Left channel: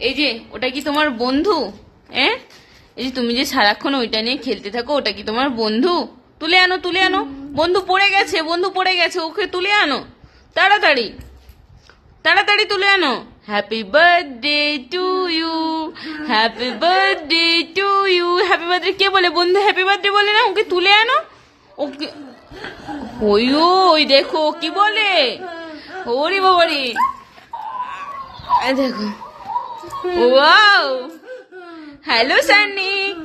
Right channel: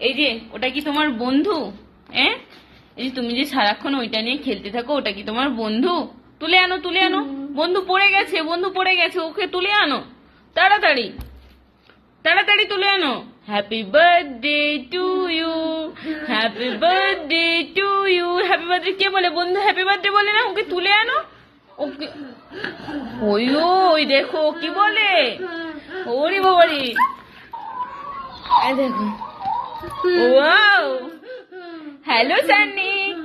এই যে ওটা কি তোমার বন্ধু? হ্যাঁ, এই যে তুমি যে সারাক্ষণ ওইটা নিয়ে খেলতে থাকো, ওটা কি তোমার বন্ধু? তুলে আনো, তুলে আনো। বন্ধু পড়ে গেছে, বন্ধু পড়ে গেছে, ওকে তুলে আনো তাড়াতাড়ি, তাড়াতাড়ি তুলে আনো। Happy birthday to you, happy birthday to you. Happy birthday কে বলে? বন্ধু হ্যাপি বার্থডে বলে না? ওকে তুলে আনো। ওকে ওই ওই দেখো কি বলে, ওরে বাবারি, দেখো, ওয়াও, হ্যালো সানিক।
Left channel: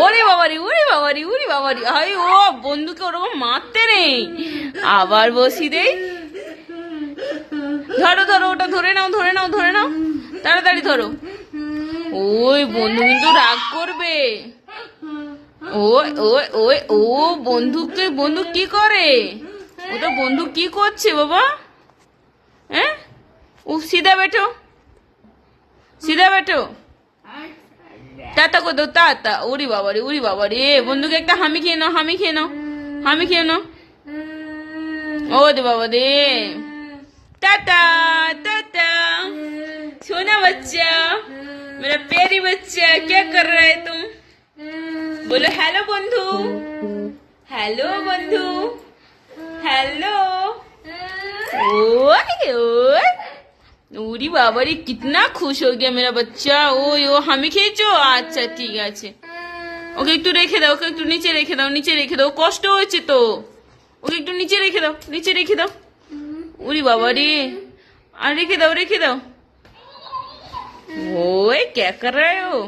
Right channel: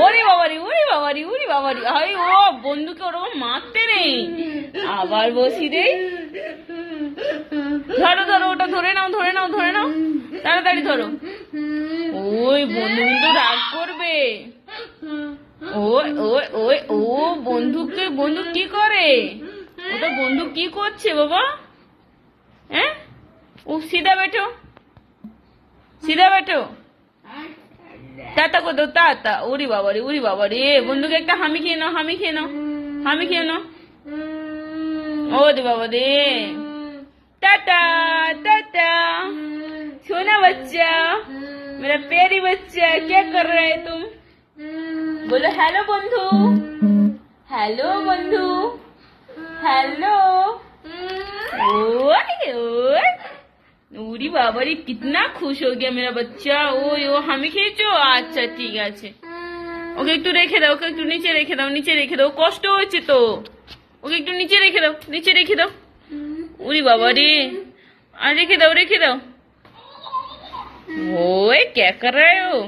ওরে বাবারি, ওরে বাবারি, ওরে বাবারি, হাই ও বন্ধুকে ওরকম মারতে নেই। আবার বসি দে, ধরো ধরো, ওটা ধরে নাও, ধরে নাও, ধরে নাও, তাড়াতাড়ি ধরো। ওই বন্ধু কিন্তু রাগ করবে। ওই ওই ওই ও বন্ধুকে, বন্ধু কি করে? ওটা বন্ধু কি করছে বাবা? হ্যাঁ, ও সিধা बैठो, सीधा बैठो। টাটা কো দাও, টাটা। ওরে বাবারে, ওরে বাবারে, বন্ধুকে একটা হামি খেয়ে নাও, হামি খেয়ে নাও, হামি খেয়ে নাও। ওরে বাবা রে, टाटा टाटा। सोना बच्चा, मेरा प्यारी बच्चा, क्या कर रहा है तुम? बोलो हेलो बंधु, हेलो बंधु, हेलो। ओरी बाबा रे, कितना खुश हो गया मेरा बच्चा। ओ हमें खींचो। अच्छा ठीक है, ওকে একটু রেখে দাও, ওকে একটু নিচে রেখে দাও, নিচে রেখে দাও, কষ্ট হচ্ছে তো। ওকে একটু নিচে রেখে দাও, নিচে রেখে দাও। ওরে বাবা রে, আর রেখে দাও, রেখে দাও। ओए क्या कर रहे हो?